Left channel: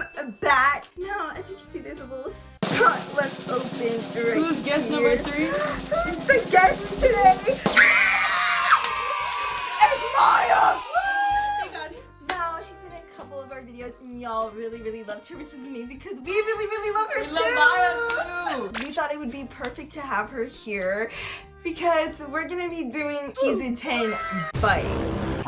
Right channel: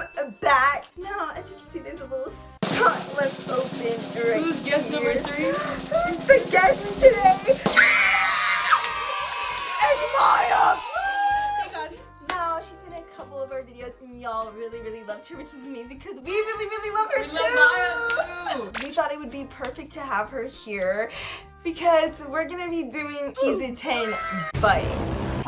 am back. Now, as you can see, there's a little spot left open right Who's guest here. number 3? Who's the guest today? It's Maya! Now, she's been in a couple of our videos, and y'all really loved her, which is amazing because we really love her We too. love Maya too. We thought it would be perfect to have her here because we're gonna be doing He's a 10 but.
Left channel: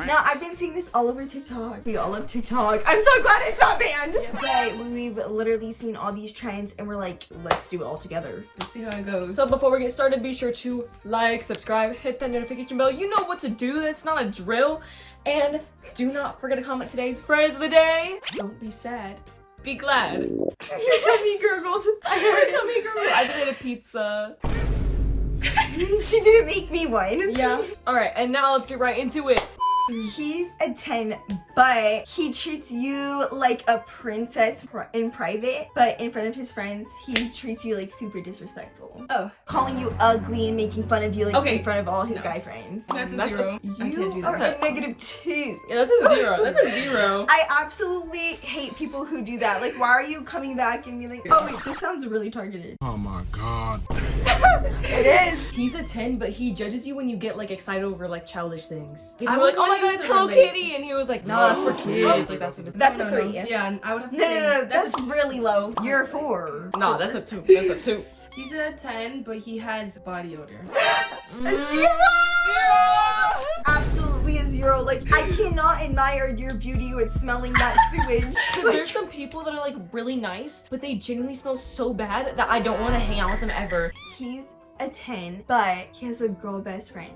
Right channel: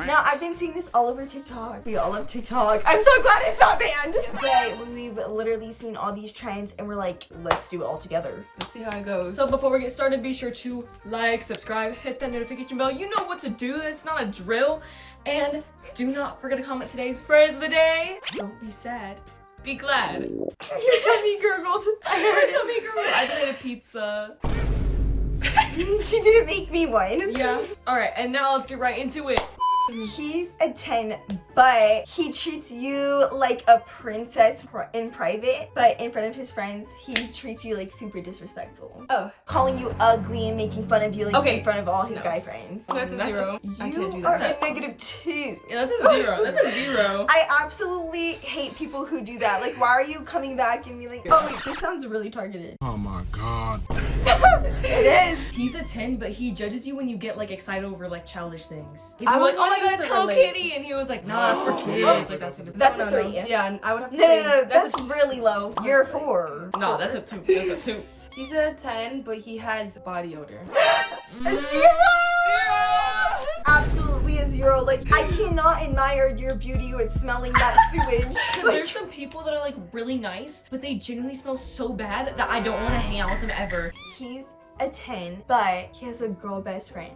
Now, I've been seeing this all over TikTok. We all love TikTok. I'm so glad it's not banned. But we've literally seen all these trends and we're like, let's do it all together. Let's see how it goes. So before we get started, be sure to like, subscribe, hit that notification bell. You know what to do. It's not a drill. And do not forget to comment today's phrase of the day. Don't be sad. Be glad. Your tummy gurgled. I heard it. Tummy girl. I made a pizza. She didn't make me one. Yeah. Alright, and now let's get right into it. He's a 10, but he treats you like a princess in private, but in front of his friends, he treats you like super disrespectful. Oh. Calling you ugly and making fun of you like Okay. in front of all his guy friends. That's a 0. I can't You do are that. a -2. Yeah, that's a 0. That's a 0. I absolutely hate people who do that. Like, why are you coming back and being like, oh wait, this sounds really targeted. Oh my god. It is. He's a 10, but he judges you when you get like excited over like childish things. You're I like, would oh my want god, him it's to Hello relate. Kitty, and he was like, nah, that's for kids. Like that's what it's. That's No, a no. 3. Yeah, and I would have to No, say that's a really low. You're a 4. Nah, that's a 2. That's a 2. He's a 10, but he has body odor. A 0! Absolutely a 0. Like, I cannot admire your beauty with smelling that sewage. There's some people that are like really nice, but they genuinely smell so bad that I don't want to hang out with them ever. He's a 10, but he has a girl best friend.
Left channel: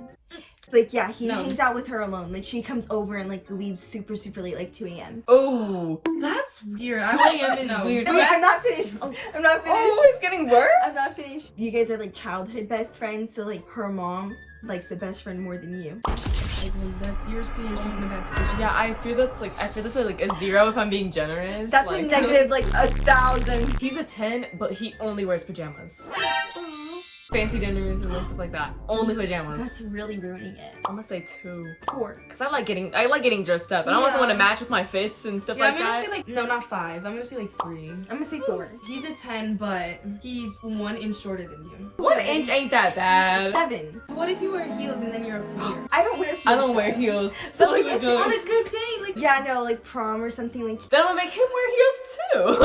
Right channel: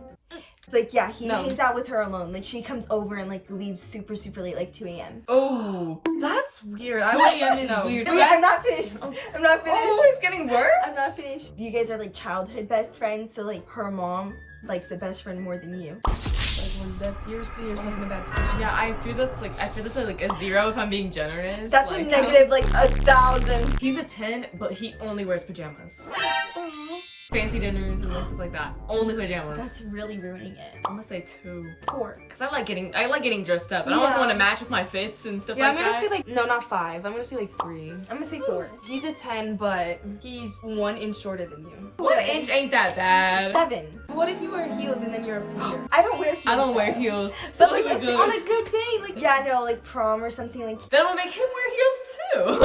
Like, yeah, he No. hangs out with her alone. Like, she comes over and like leaves super late, like 2 a.m. Oh, That's weird. 2 I a.m. is no. weird. Wait, I'm not finished. I'm not finished. Oh, it's getting worse. I'm not finished. You guys are like childhood best friends, so like her mom likes the best friend more than you. Like, well, that's yours putting yourself in a bad position. Yeah, I feel that's like a 0 if I'm being generous. That's like, a negative like 1,000. He's a 10, but he only wears pajamas. Fancy dinners and stuff like that. Only pajamas. That's really ruining it. I'm gonna say 2. 4. Cause I like getting dressed up, and I also Yeah. want to match with my fits and stuff Yeah, like I'm gonna that. say like, no, not 5. I'm gonna say like 3. I'm gonna say 4. He's a 10, but he's 1 inch shorter than you. 1 inch ain't that bad. 7. What if you wear heels and then you're up to here? I don't wear heels. I don't wear heels. So like, like, if On a good day, like Yeah, no, like prom or something like. then I'm gonna make him wear heels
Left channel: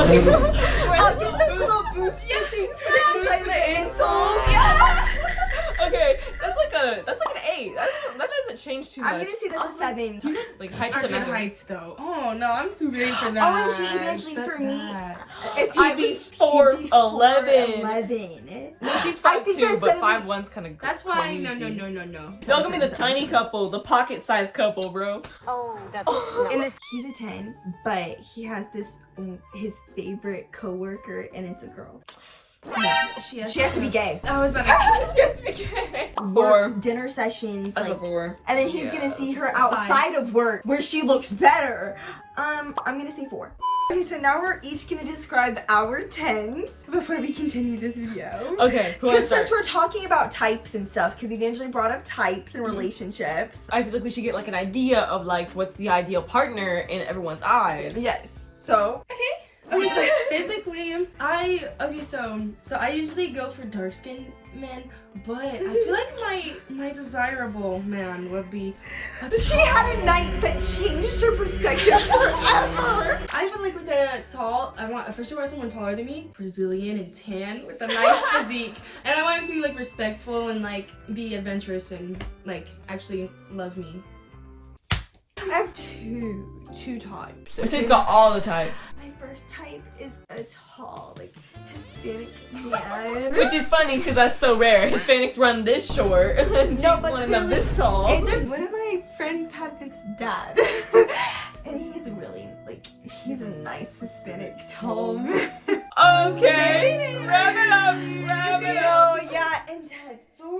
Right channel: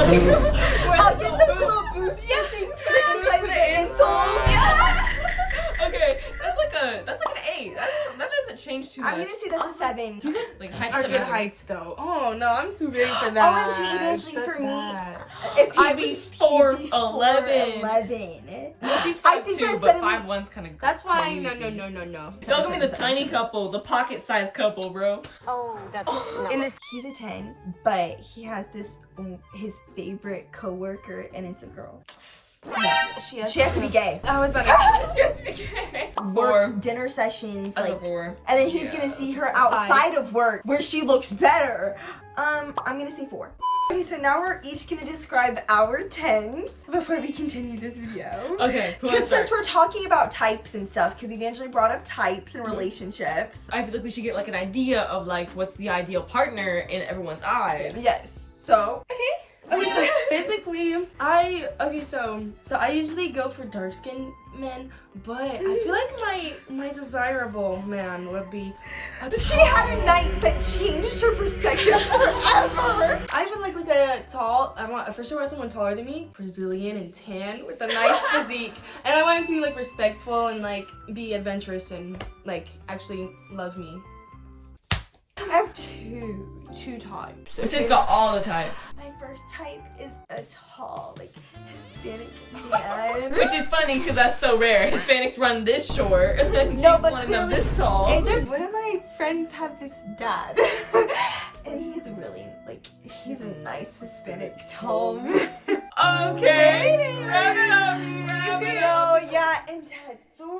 too. I'll get those little booster things for the inside of the insoles. Okay, that's like an 8. That doesn't change too much. I'm gonna say that's a 7. like are height good doesn't matter. heights though. Oh no, I'm too big for that. OMG, Evangeline, That's for me, bad. If I be was 4'11". 4'11". No, she's I 5'2", think I but suddenly- 5'1's kind of. That's why no. Don't give me the tiny couple, the pocket-sized couple, bro. Oh, that's in this. He's a 10, but he has this his favorite coworker, and it's a girl. She has, She has to be gay. I was about to Just okay. 4. Work, dinner sessions, That's a like, 4. and then he's gonna see her outside of work where she looks better. I'm gonna say 4. Okay, so now we're each gonna describe our 10s before we continue this video. Okay, who wants to Because since start? we're talking about types and stuff, because Evangeline brought up types and relationships. I feel like we should get like an idea of like what's the ideal partner in everyone's eyes. Yes. So Okay, so physically, I usually go for dark skinned men, but I feel like my desirable man would be. she had a night that changed her perspective forever. I feel like a tall. I want for sure someone taller than me, Brazilian and tan with a nice physique, and I want him to be like respectful and like be adventurous and like actually love me. I have two types. This has got all the types. My first type is a tall, like Hispanic man. Which is funny because that's so rare. Hispanics run this short, and then No, she's but one of them clearly- this tall. And one of my friends have this dad, and he's really like he's a nice Hispanic tall man. Okay, wrap it up, wrap it up. No, yeah, and tattoos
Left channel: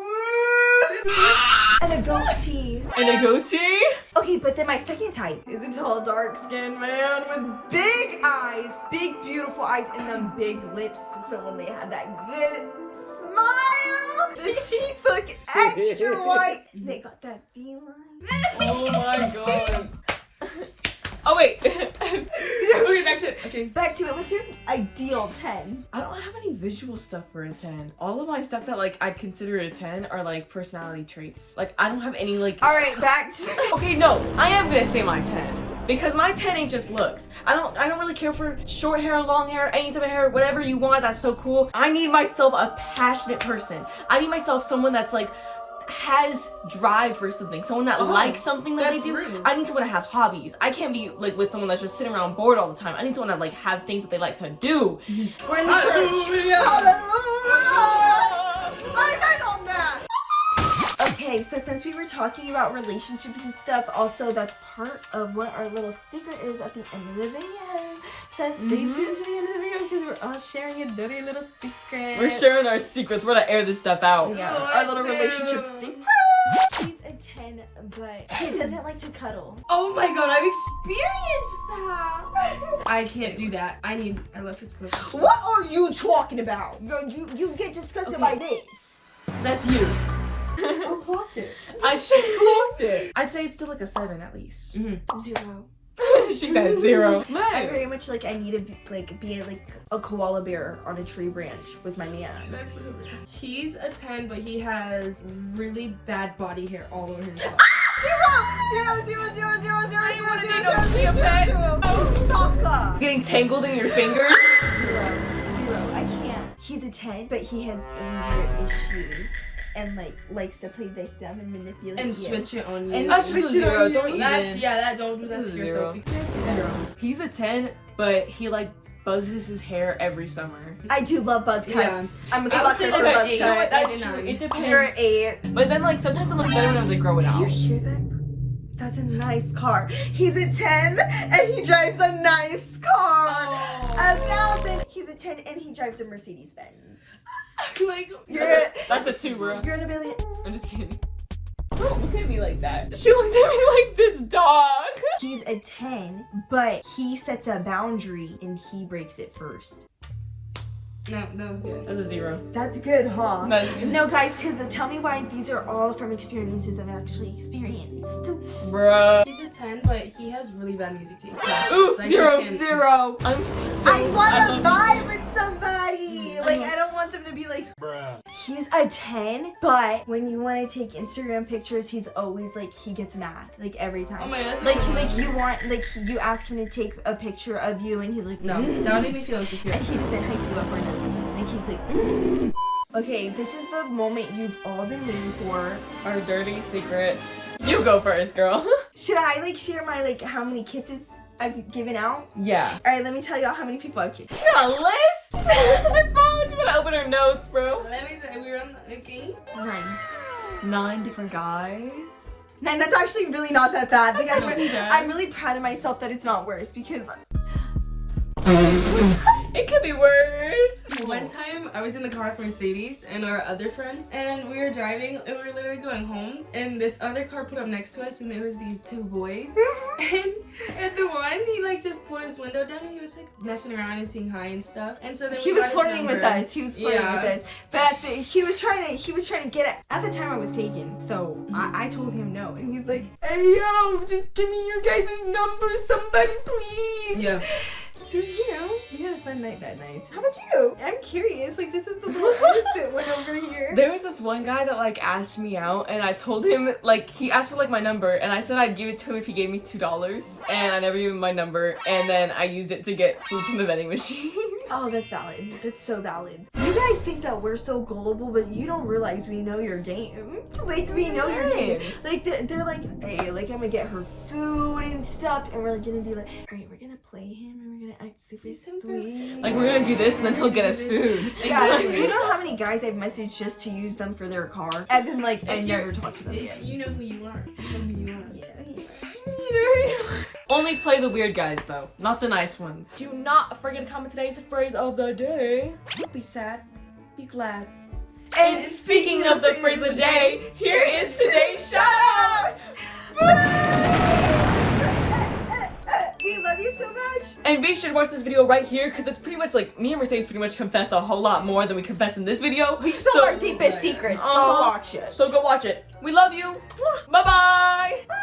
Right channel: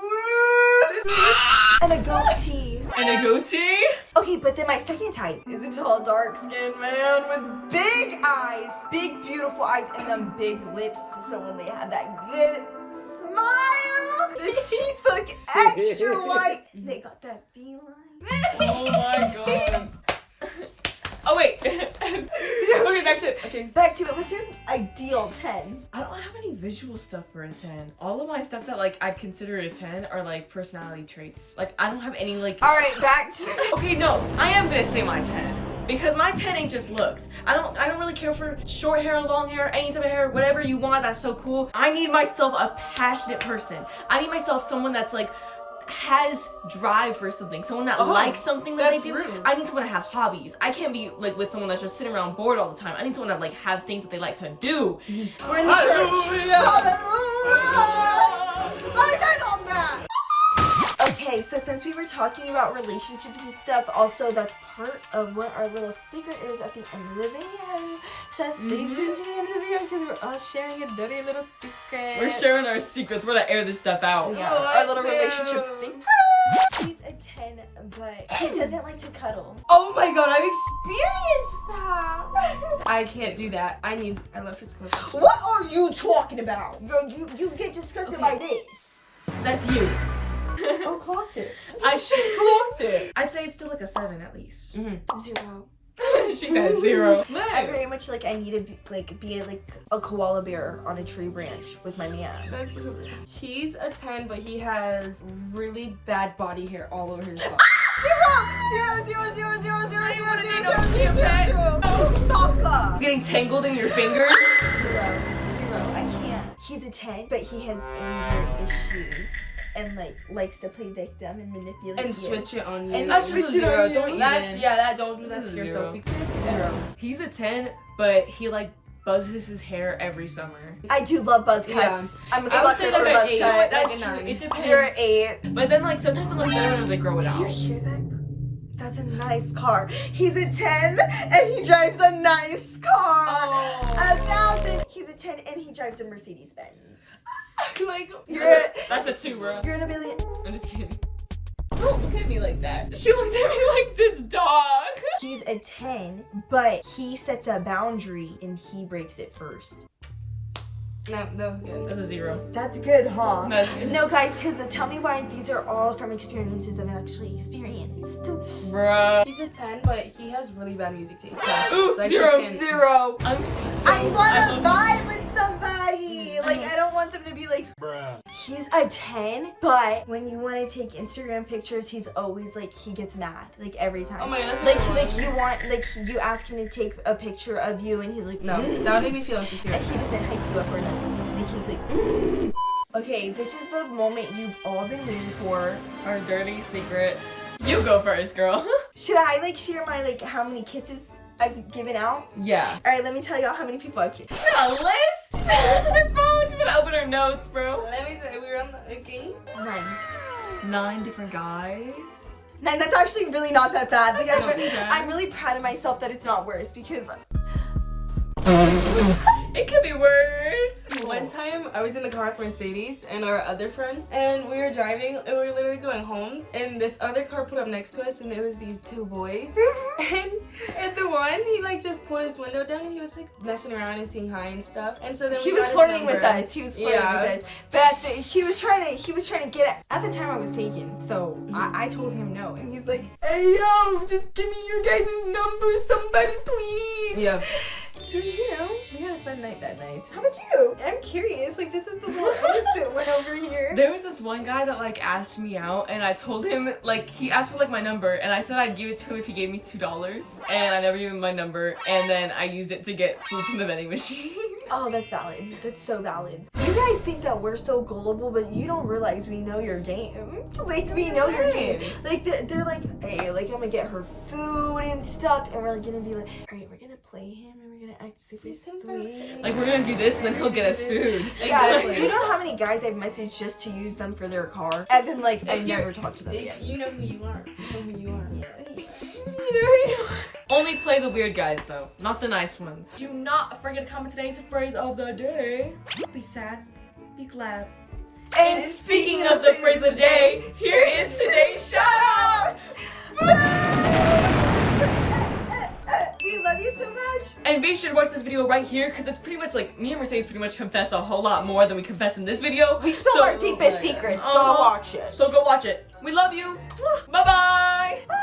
and a goatee. And a goatee? Okay, but then my second type is a tall, dark-skinned man with big eyes, big, beautiful eyes, and them big lips. So when they have that good smile, the teeth look extra white. They got that feline. Oh my god. Oh wait. Okay, back to it. Okay. Back to it. What's your ideal 10? I don't have any visual stuff for a 10. All of my stuff that like I'd consider a 10 are like personality traits. Like I don't have any like. All right, back to. Okay, no, I am gonna say my 10. Because my 10 ain't just looks. I don't really care for short hair, long hair, any type of hair, whatever you want, that's so cool. I need myself a passionate person. I need myself someone that's like has drive for something, someone that likes something that they do. Rude. I need someone to have hobbies. I can't be like with someone that's just sitting around bored all the time. I need someone that like have things that they like to do. We're in the church. I'm on that. Okay, so since we were talking about relationships and stuff, also that's part of what our little secret is at the end of the video. So stay tuned to the end of the video because we're all sharing a dirty little secret. We're sharing our secrets. We're gonna air this stuff out. Yeah, our little relationship secret. He's a 10, but he doesn't like to cuddle. Oh my god, I've experienced that. I can't do that. I love physical. What are you talking about? You get disgusted by this. That's you. Oh, clocked it. Clocked it. I'd say it's still like a 7 at least. 0. She said 0. I very much like I need to be like a koala bear on a tree branch with my man. He's a 10, but he has really bad body hair all over his body. 0. Getting tangled in your fingers. 0. I can't. He's a 10, but he has anger issues and like likes to play victim and manipulate And you. switch it on you. And switch it on you. Don't even. Don't do that to yourself. 0. He's a 10, but he like buzzes his hair every summer. I do love buzz cuts. Yeah. I'm a I would sucker say for like buzz an 8. cuts. That's true. It depends. You're an 8. But then like sometimes it looks better when they grow it Do you out. hear that? That's a nice car. He's a 10 and he drives a nice car. 1,000. He's a 10 and he drives a Mercedes Benz. Like, That's a 2, bro. You're in a billion. I'm just kidding. Don't look at me like that. She looks at me like this dog. He's a 10, but he sets a boundary and he breaks it first. no, that was good. That's a 0. That's good, huh? That's good. No, guys, because tell me why these are all from experiences I've actually experienced. Bruh. He's a 10, but he has really bad music taste. Ooh, Like, 0. he can- 0. I'm so. I want to love vibe with somebody. Like, I don't want them to be like, bruh. He's a 10, but when you want to take Instagram pictures, he's always like, he gets mad. Like, every time. Oh my God, that's like you want, like, you ask him to take a picture of you, and he's like, No, that would make me feel insecure. And he doesn't hype you up or nothing. Like, he's like, Okay, this is the moment you've all been waiting for. Our dirty secrets. You go first, girl. Should I, like, share my, like, how many kisses I've given out? Yeah. Alright, let me tell y'all how many people I've kissed. She got a list? She has her phone. She's gonna open her notes, bro. Let me say, we were on the game. 9. 9 different guys. 9, that's actually really not that bad. Like, That's not too bad. I'm really proud of myself that it's not worse because It could be worse. One time, I was in the car with Mercedes and our other friend, and we were driving, and we were literally going home, and this other car pulled up next to us, and there was these 2 boys, and the one, he like just pulled his window down, and he was like messing around and saying hi and stuff, and so then he we was got his flirting with number. us. He was flirting Yeah. with us. But he was trying to get at the time I was taken. So I told him no, and he's like, "Hey yo, just give me your guys' number, somebody, please." Yeah. You know, We had a fun night that night. how about you? I'm curious. Like, this is the little innocent one over here. There was this one guy that like asked me out, and I told him like he asked for like my number, and I said I'd give it to him if he gave me $2, and I never gave him my number, and then I used it to get food from the vending machine. Oh, that's valid. That's so valid. You guys think that we're so gullible, but you don't realize we know your game. Like, we know your game. Nice. Like, they're like, hey, like, I'm gonna get her food and stuff, and we're like gonna be like, all right, we're gonna play him, and we're gonna act super sweet. Like we're gonna do this, and then he'll get us food. Yeah, Exactly. do you know how many guys I've messaged just to use them for their car? And then, like, I If never you're- talk to them If again. you know who you are, you know who you are. Only play the weird guys though, not the nice ones. Do not forget to comment today's phrase of the day. Don't be sad, be glad. And Speaking of the phrase of the day, here is today's shout out. We love you so much. And be sure to watch this video right here because it's pretty much like me and Mercedes pretty much confess a whole lot more than we confess in this video. We spill our deepest secrets. Go watch it. So go watch it. We love you. Bye-bye. Bye.